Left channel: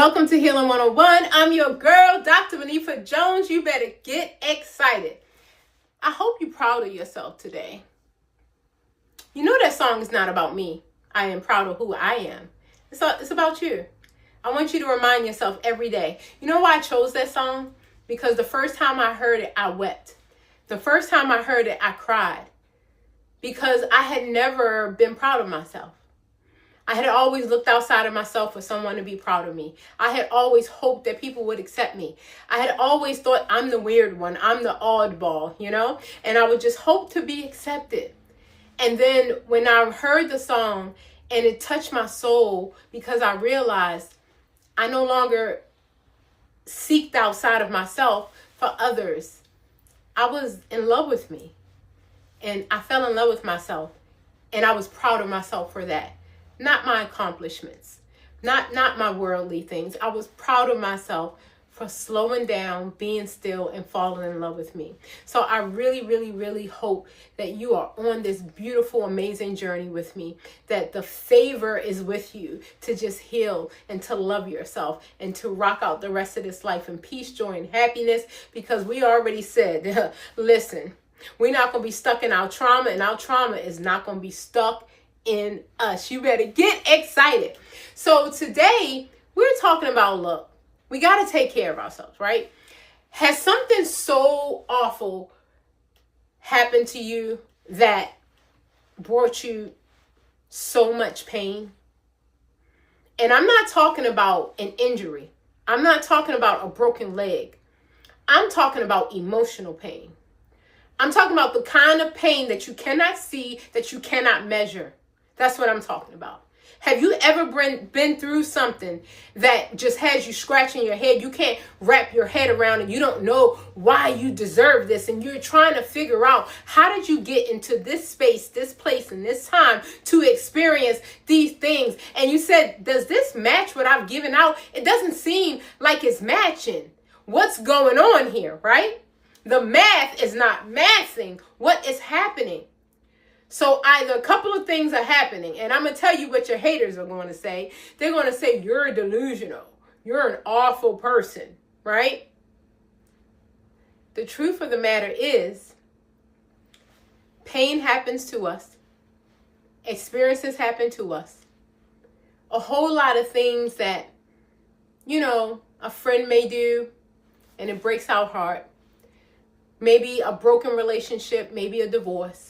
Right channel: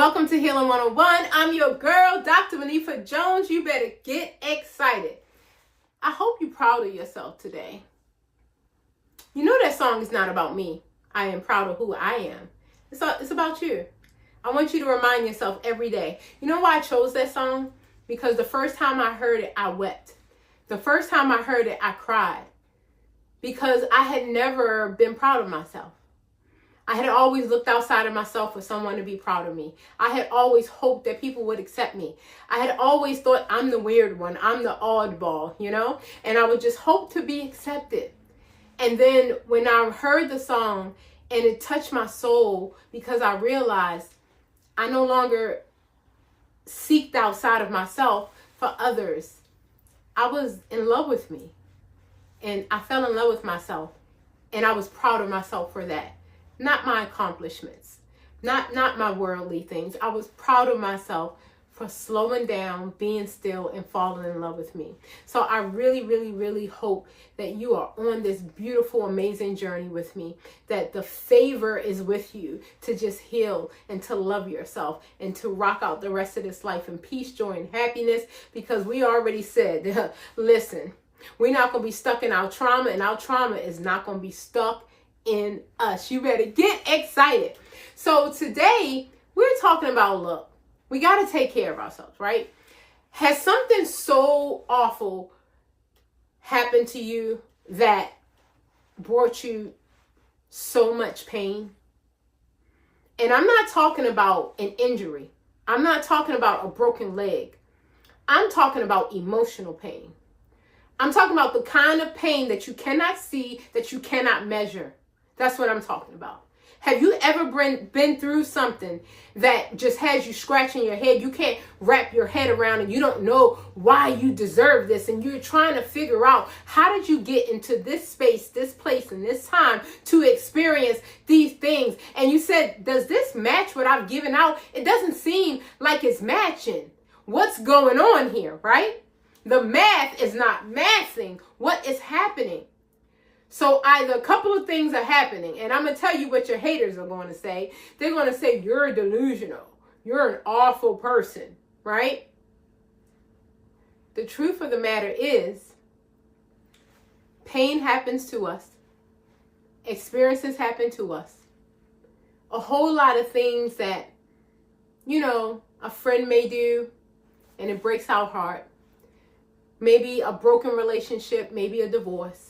Welcome to Healing 101. I'm your girl, Dr. Monifa Jones. You better get excited. I hope you're proud of yourself today. You know that song is not about me. I am proud of who I am. It's about you. I want you to remind yourself every day. You know why I chose that song? Because the first time I heard it, I wept. The first time I heard it, I cried. Because I had never been proud of myself. I had always looked outside of myself for someone to be proud of me. I had always hoped that people would accept me. I had always thought I'm the weird one. I'm the oddball, and I would just hope to be accepted. And then when I heard the song and it touched my soul because I realized I no longer seeked outside of myself for others. I was in love with me and I fell in love with myself and I was proud of myself for that. Not my accomplishments, not my worldly things. I was proud of myself for slowing down, being still, and falling in love with me. So I really, really, really hope that you are on this beautiful, amazing journey with me, that the favor is with you to just heal and to love yourself and to rock out the rest of this life in peace, joy, and happiness, because we already said, listen, we're not going to be stuck in our trauma, and our trauma is not going to be stuck in us. You better get excited. So today we're talking about love. We got to take care of ourselves, right? Has something so awful happened to you that brought you so much pain? And I'm not talking about an injury. I'm not talking about a broken leg. I'm talking about emotional pain. I'm talking about the kind of pain that you cannot see, that you cannot measure. That's what I'm talking about. Have you ever been through something that just has you scratching your head? You can't wrap your head around and you don't know why you deserve this. And you're trying to figure out, how did you get into this space, this place, and this time to experience these things? And you said, does this match what I've given out? It doesn't seem like it's matching. What's going on here, right? The math is not mathing what is happening. So either a couple of things are happening, and I'm going to tell you what your haters are going to say. They're going to say, you're delusional. You're an awful person, right? The truth of the matter is, pain happens to us. Experiences happen to us. A whole lot of things that, a friend may do, and it breaks our heart. Maybe a broken relationship, maybe a divorce.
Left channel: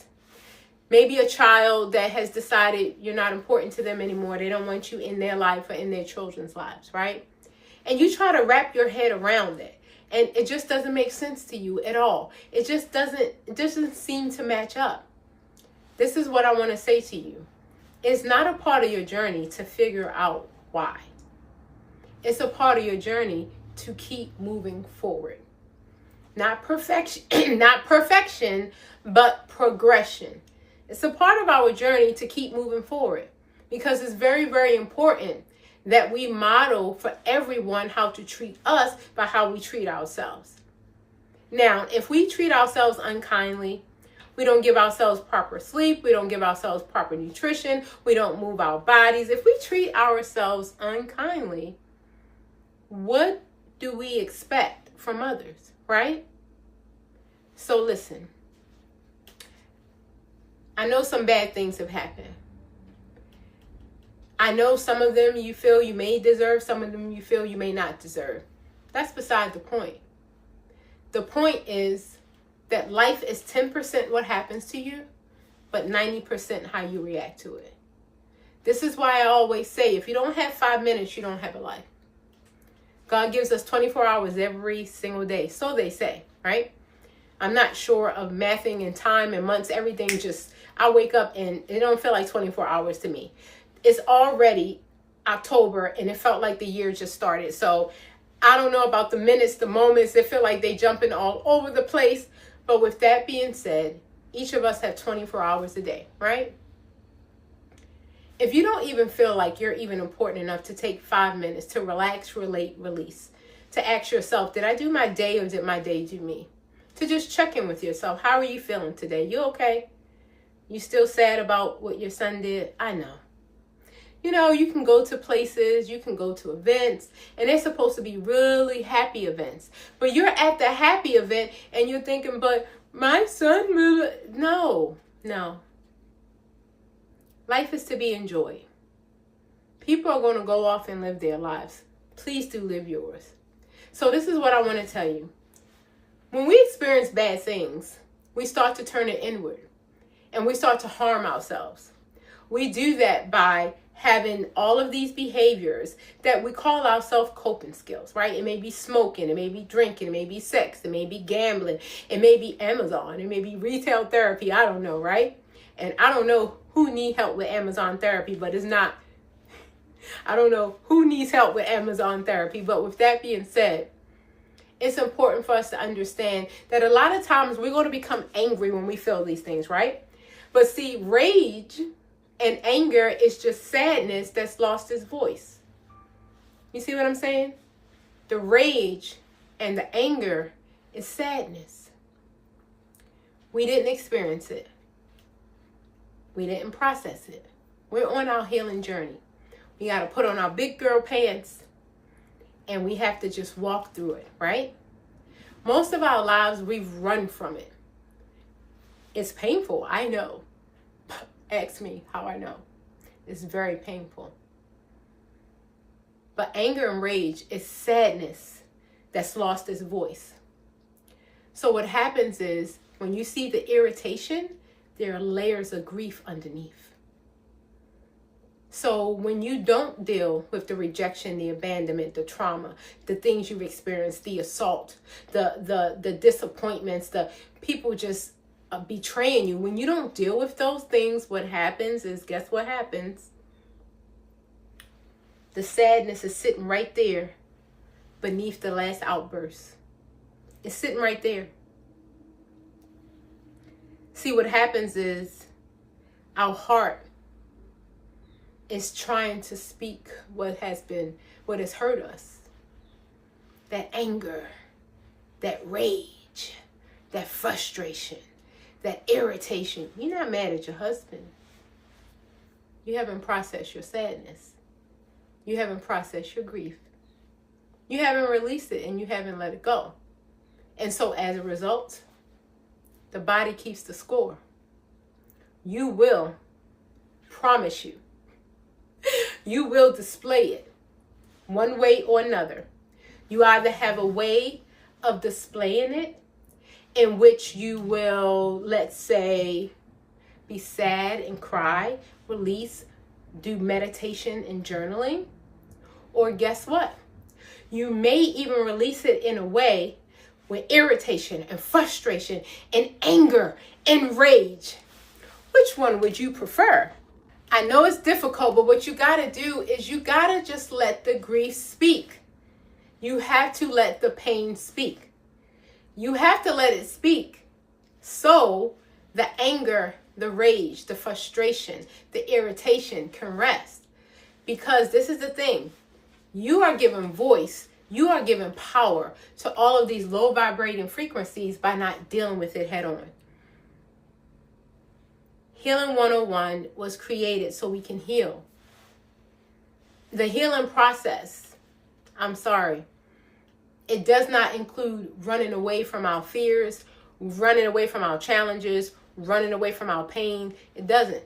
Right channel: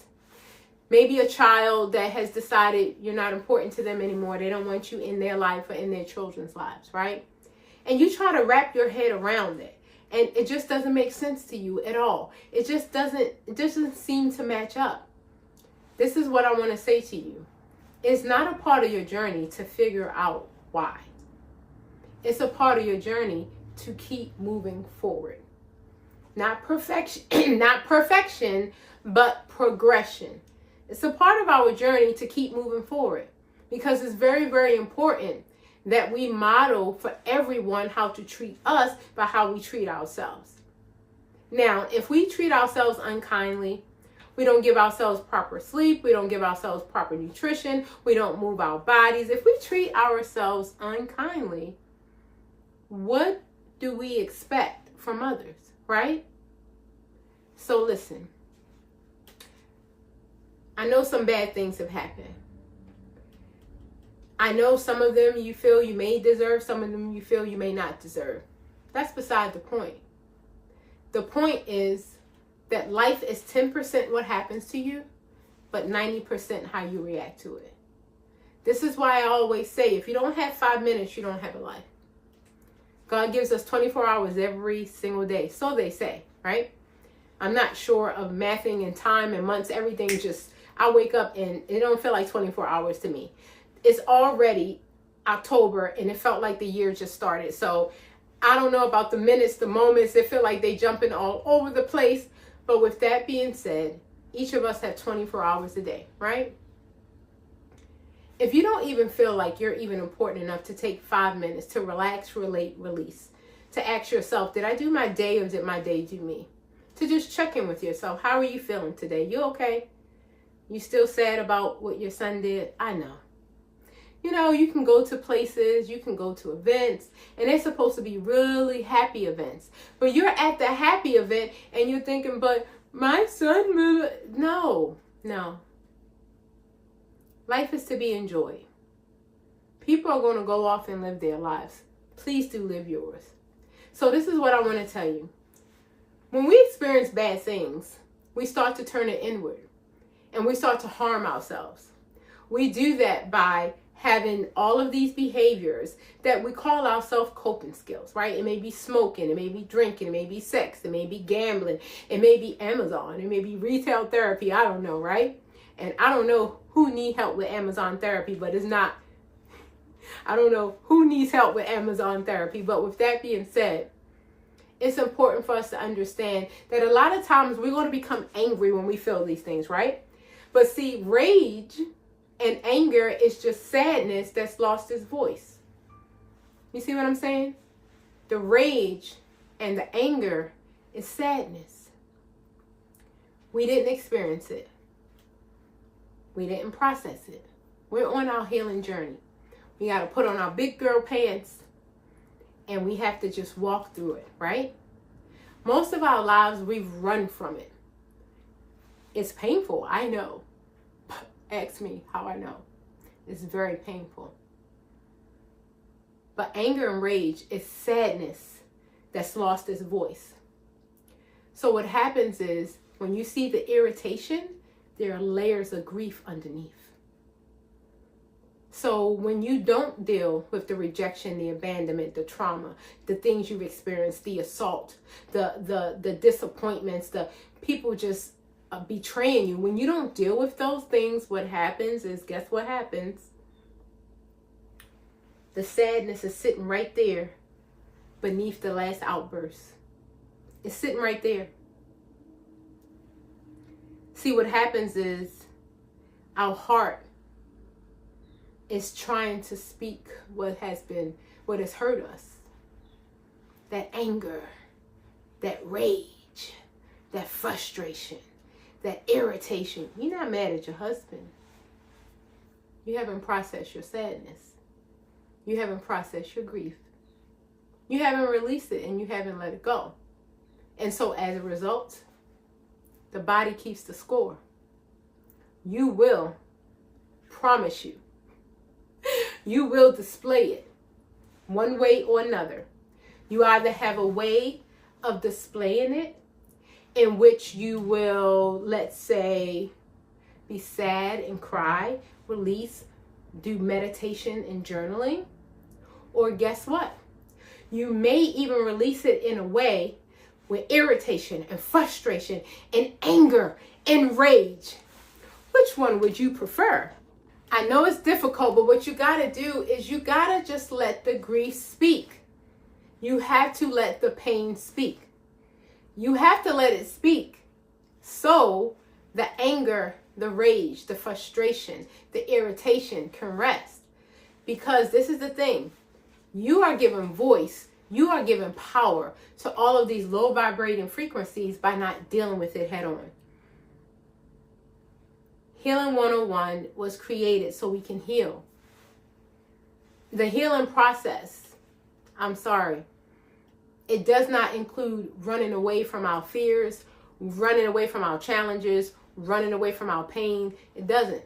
Maybe a child that has decided you're not important to them anymore. They don't want you in their life or in their children's lives, right? And you try to wrap your head around it. And it just doesn't make sense to you at all. It doesn't seem to match up. This is what I want to say to you. It's not a part of your journey to figure out why. It's a part of your journey to keep moving forward. Not perfection, but progression. It's a part of our journey to keep moving forward, because it's very, very important that we model for everyone how to treat us by how we treat ourselves. Now, if we treat ourselves unkindly, we don't give ourselves proper sleep, we don't give ourselves proper nutrition, we don't move our bodies. If we treat ourselves unkindly, what do we expect from others, right? So listen. I know some bad things have happened. I know some of them you feel you may deserve, some of them you feel you may not deserve. That's beside the point. The point is that life is 10% what happens to you, but 90% how you react to it. This is why I always say, if you don't have 5 minutes, you don't have a life. God gives us 24 hours every single day. So they say, right? I'm not sure of mathing and time and months. Everything just, I wake up and it don't feel like 24 hours to me. It's already October and it felt like the year just started. So I don't know about the minutes, the moments. They feel like they jumping all over the place. But with that being said, each of us have 24 hours a day, right? If you don't even feel like you're even important enough to take 5 minutes to relax, relate, release, to ask yourself, did I do my day or did my day do me? To just check in with yourself. How are you feeling today? You okay? You still sad about what your son did? I know. You know, you can go to places, you can go to events, and they're supposed to be really happy events. But you're at the happy event and you're thinking, but my son, no. Life is to be enjoyed. People are going to go off and live their lives. Please do live yours. So this is what I want to tell you. When we experience bad things, we start to turn it inward and we start to harm ourselves. We do that by having all of these behaviors that we call ourselves coping skills, right? It may be smoking, it may be drinking, it may be sex, it may be gambling, it may be Amazon, it may be retail therapy, I don't know, right? And I don't know who need help with Amazon therapy, but it's not, I don't know who needs help with Amazon therapy, but with that being said, it's important for us to understand that a lot of times we're going to become angry when we feel these things, right? But see, rage and anger is just sadness that's lost its voice. You see what I'm saying? The rage and the anger is sadness. We didn't experience it. We didn't process it. We're on our healing journey. We got to put on our big girl pants and we have to just walk through it, right? Most of our lives, we've run from it. It's painful, I know. Ask me how I know. It's very painful. But anger and rage is sadness that's lost its voice. So what happens is when you see the irritation, there are layers of grief underneath. So when you don't deal with the rejection, the abandonment, the trauma, the things you've experienced, the assault, the disappointments, the people just betraying you, when you don't deal with those things, what happens is, guess what happens? The sadness is sitting right there beneath the last outburst. It's sitting right there. See, what happens is our heart is trying to speak what has hurt us. That anger, that rage, that frustration, that irritation. You're not mad at your husband. You haven't processed your sadness. You haven't processed your grief. You haven't released it and you haven't let it go. And so as a result, the body keeps the score. You will, promise you, you will display it one way or another. You either have a way of displaying it in which you will, let's say, be sad and cry, release, do meditation and journaling. Or guess what? You may even release it in a way with irritation and frustration and anger and rage. Which one would you prefer? I know it's difficult, but what you got to do is you got to just let the grief speak. You have to let the pain speak. You have to let it speak so the anger, the rage, the frustration, the irritation can rest. Because this is the thing. You are giving voice, you are giving power to all of these low vibrating frequencies by not dealing with it head on. Healing 101 was created so we can heal. The healing process, I'm sorry, it does not include running away from our fears, running away from our challenges, running away from our pain. It doesn't.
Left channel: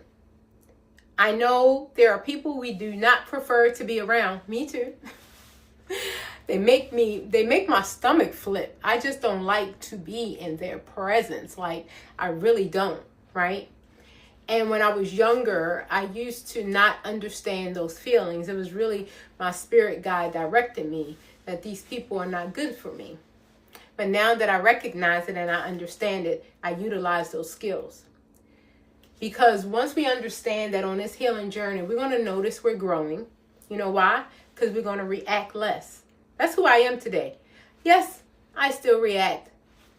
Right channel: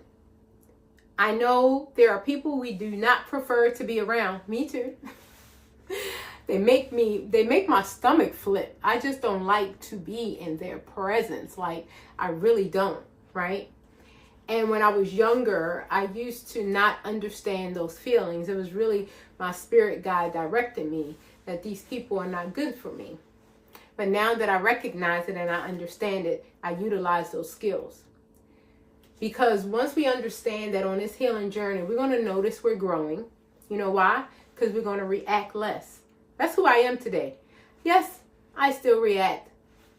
I know there are people we do not prefer to be around. Me too. They make my stomach flip. I just don't like to be in their presence. Like, I really don't, right? And when I was younger, I used to not understand those feelings. It was really my spirit guide directing me that these people are not good for me. But now that I recognize it and I understand it, I utilize those skills. Because once we understand that on this healing journey, we're going to notice we're growing. You know why? Because we're going to react less. That's who I am today. Yes, I still react.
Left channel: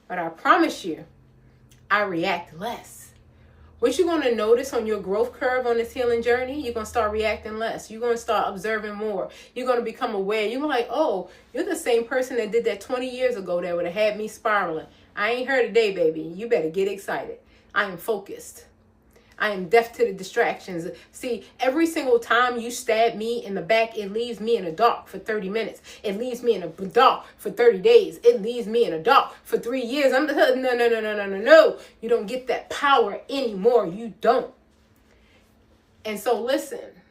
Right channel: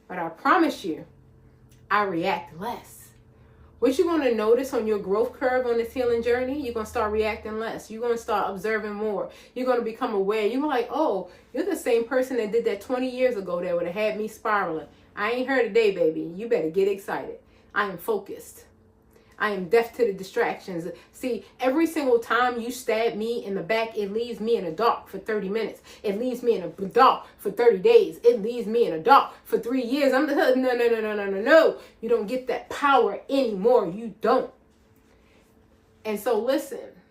But I promise you, I react less. What you're going to notice on your growth curve on this healing journey, you're going to start reacting less. You're going to start observing more. You're going to become aware. You're like, oh, you're the same person that did that 20 years ago that would have had me spiraling. I ain't here today, baby. You better get excited. I am focused. I am deaf to the distractions. See, every single time you stab me in the back, it leaves me in the dark for 30 minutes. It leaves me in the dark for 30 days. It leaves me in the dark for 3 years. No. You don't get that power anymore. You don't. And so listen,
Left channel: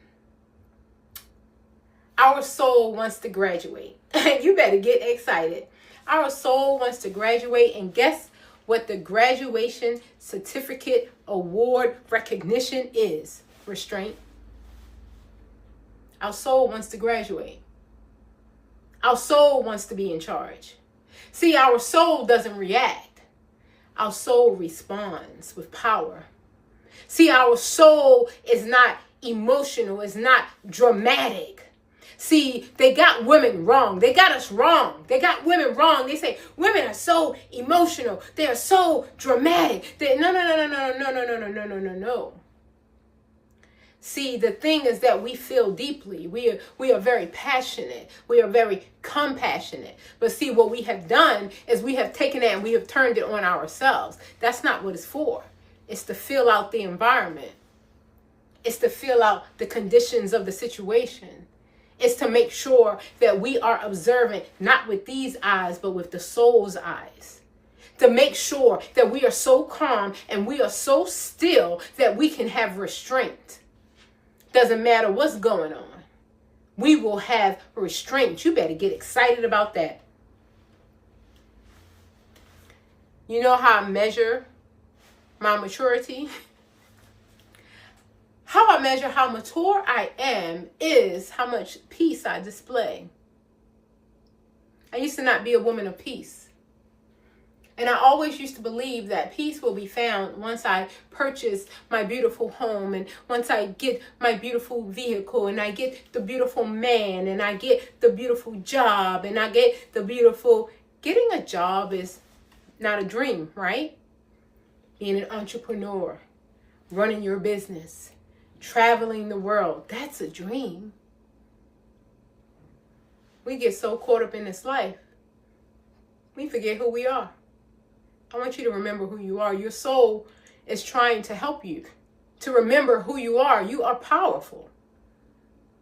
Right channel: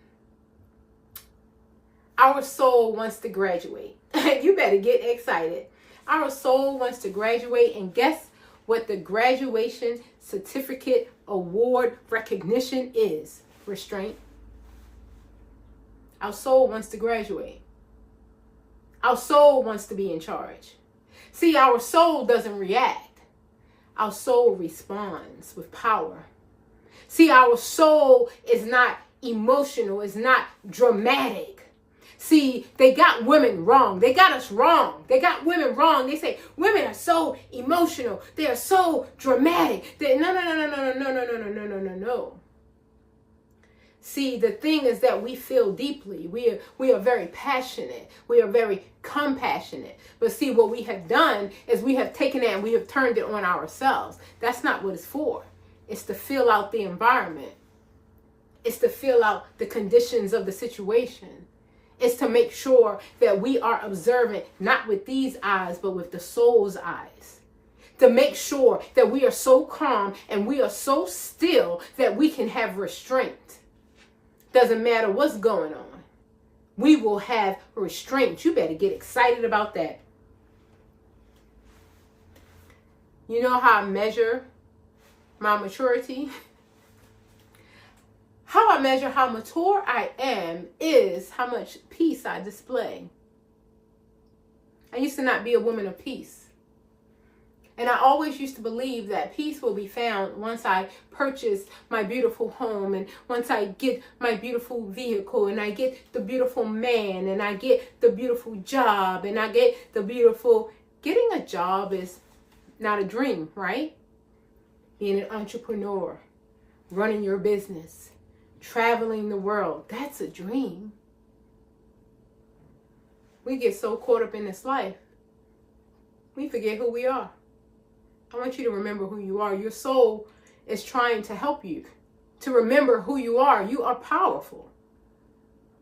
our soul wants to graduate. You better get excited. Our soul wants to graduate, and guess what the graduation certificate award recognition is? Restraint. Our soul wants to graduate. Our soul wants to be in charge. See, our soul doesn't react. Our soul responds with power. See, our soul is not emotional. It's not dramatic. See, they got women wrong. They got us wrong. They got women wrong. They say women are so emotional. They are so dramatic. No. See, the thing is that we feel deeply. We are very passionate. We are very compassionate. But see, what we have done is we have taken that and we have turned it on ourselves. That's not what it's for. It's to fill out the environment. It's to fill out the conditions of the situation. It's to make sure that we are observant, not with these eyes, but with the soul's eyes. To make sure that we are so calm and we are so still that we can have restraint. Doesn't matter what's going on. We will have restraint. You better get excited about that. You know how I measure my maturity? How I measure how mature I am is how much peace I display. I used to not be a woman of peace. And I always used to believe that peace will be found once I purchase my beautiful home, and once I get my beautiful vehicle, and I get the beautiful man, and I get the beautiful job, and I get the beautiful... Getting a job is not a dream, right? Being an entrepreneur, running your business, traveling the world, that's a dream. We get so caught up in this life, we forget who we are. I want you to remember who you are. Your soul is trying to help you to remember who you are. You are powerful.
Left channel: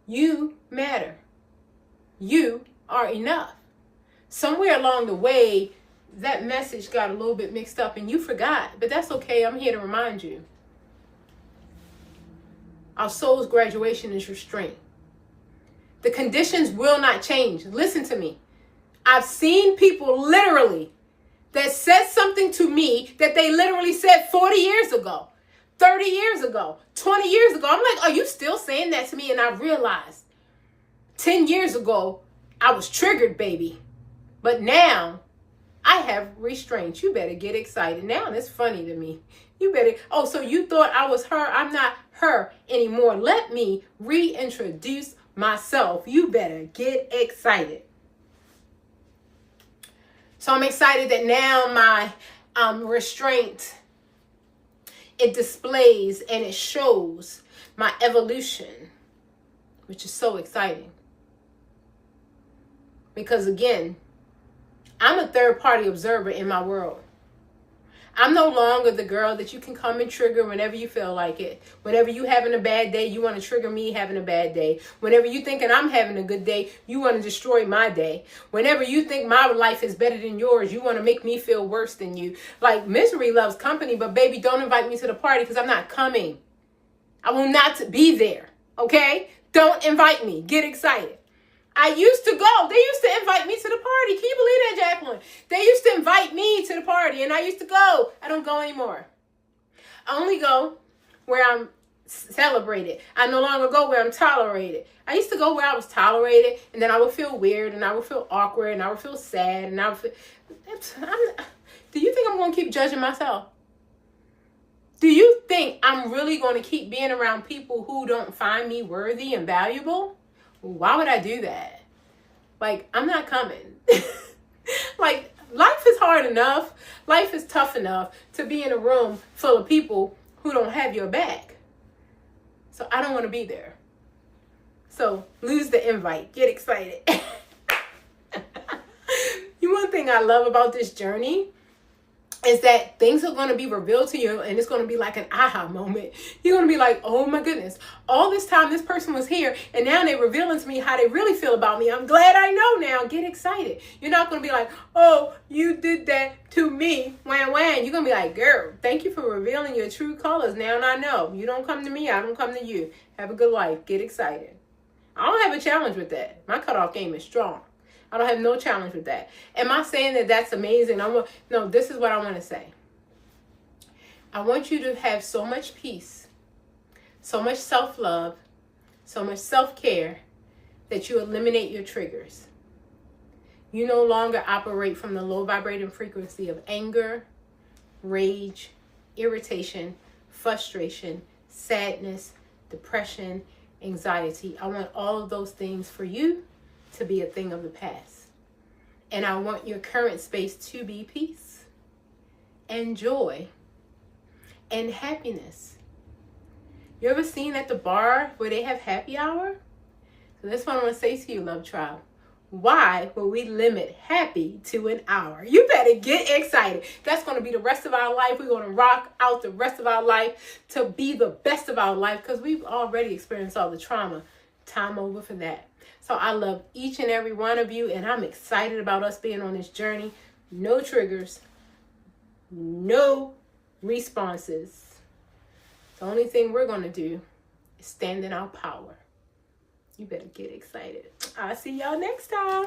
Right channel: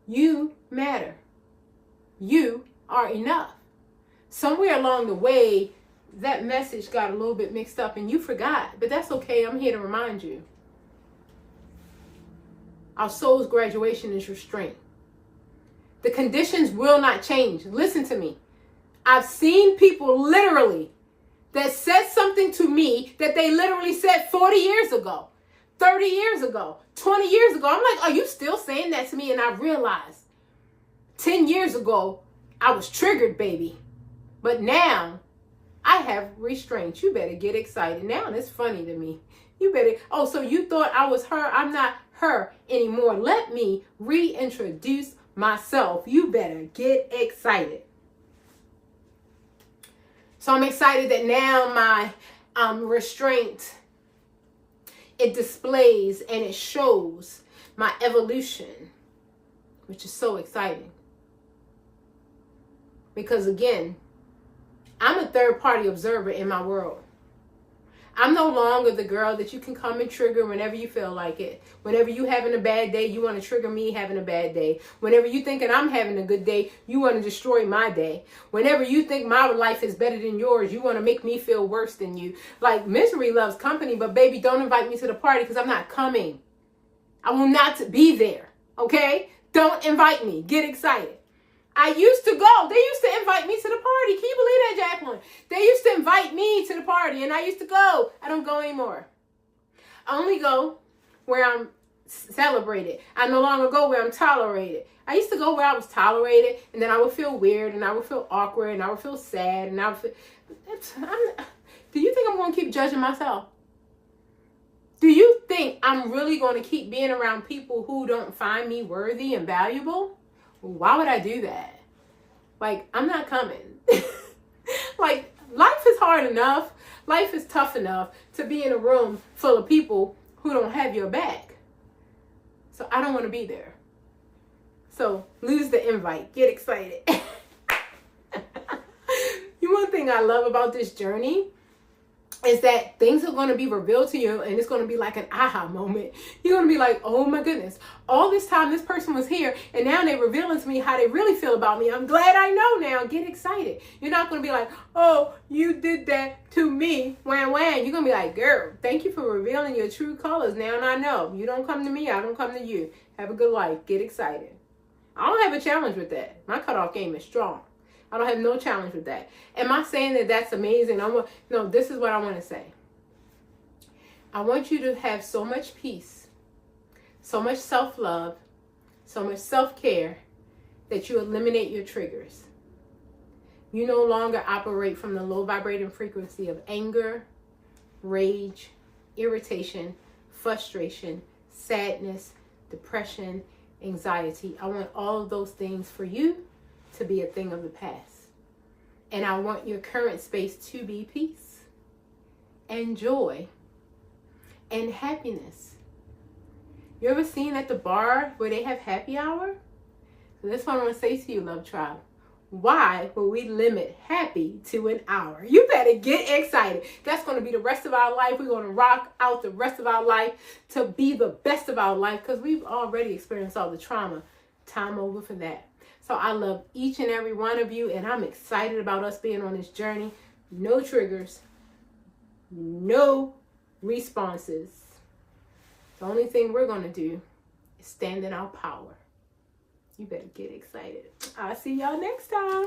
You matter. You are enough. Somewhere along the way, that message got a little bit mixed up and you forgot, but that's okay. I'm here to remind you. Our soul's graduation is restraint. The conditions will not change. Listen to me. I've seen people literally that said something to me that they literally said 40 years ago, 30 years ago, 20 years ago. I'm like, are you still saying that to me? And I realized 10 years ago, I was triggered, baby. But now I have restraint. You better get excited now. And it's funny to me. You better, oh, so you thought I was her. I'm not her anymore. Let me reintroduce myself. You better get excited. So I'm excited that now my restraint, it displays and it shows my evolution, which is so exciting. Because again, I'm a third-party observer in my world. I'm no longer the girl that you can come and trigger whenever you feel like it. Whenever you having a bad day, you want to trigger me having a bad day. Whenever you thinking I'm having a good day, you want to destroy my day. Whenever you think my life is better than yours, you want to make me feel worse than you. Like, misery loves company, but baby, don't invite me to the party because I'm not coming. I will not be there, okay? Don't invite me. Get excited. I used to go. They used to invite me to the party. Can you believe that, Jacqueline? They used to invite me to the party, and I used to go. I don't go anymore. I only go where I'm celebrated. I no longer go where I'm tolerated. I used to go where I was tolerated, and then I would feel weird, and I would feel awkward, and I would feel sad, and I would feel... Do you think I'm going to keep judging myself? Do you think I'm really going to keep being around people who don't find me worthy and valuable? Why would I do that? Like, I'm not coming. Like, life is hard enough. Life is tough enough to be in a room full of people who don't have your back. So I don't want to be there. So lose the invite. Get excited. One thing I love about this journey is that things are going to be revealed to you, and it's going to be like an aha moment. You're going to be like, oh my goodness, all this time this person was here, and now they're revealing to me how they really feel about me. I'm glad I know now. Get excited. You're not going to be like, oh, you did that to me. Wham, wham. You're going to be like, girl, thank you for revealing your true colors. Now I know. You don't come to me. I don't come to you. Have a good life. Get excited. I don't have a challenge with that. My cutoff game is strong. I don't have no challenge with that. Am I saying that that's amazing? No, this is what I want to say. I want you to have so much peace, so much self-love, so much self-care that you eliminate your triggers. You no longer operate from the low vibrating frequency of anger, rage, irritation, frustration, sadness, depression, anxiety. I want all of those things for you to be a thing of the past. And I want your current space to be peace and joy and happiness. You ever seen at the bar where they have happy hour? So that's what I want to say to you, Love Tribe. Why would we limit happy to an hour? You better get excited. That's going to be the rest of our life. We're going to rock out the rest of our life to be the best of our life, because we've already experienced all the trauma. Time over for that. So I love each and every one of you, and I'm excited about us being on this journey. No triggers, no responses. The only thing we're going to do is stand in our power. You better get excited. I'll see y'all next time.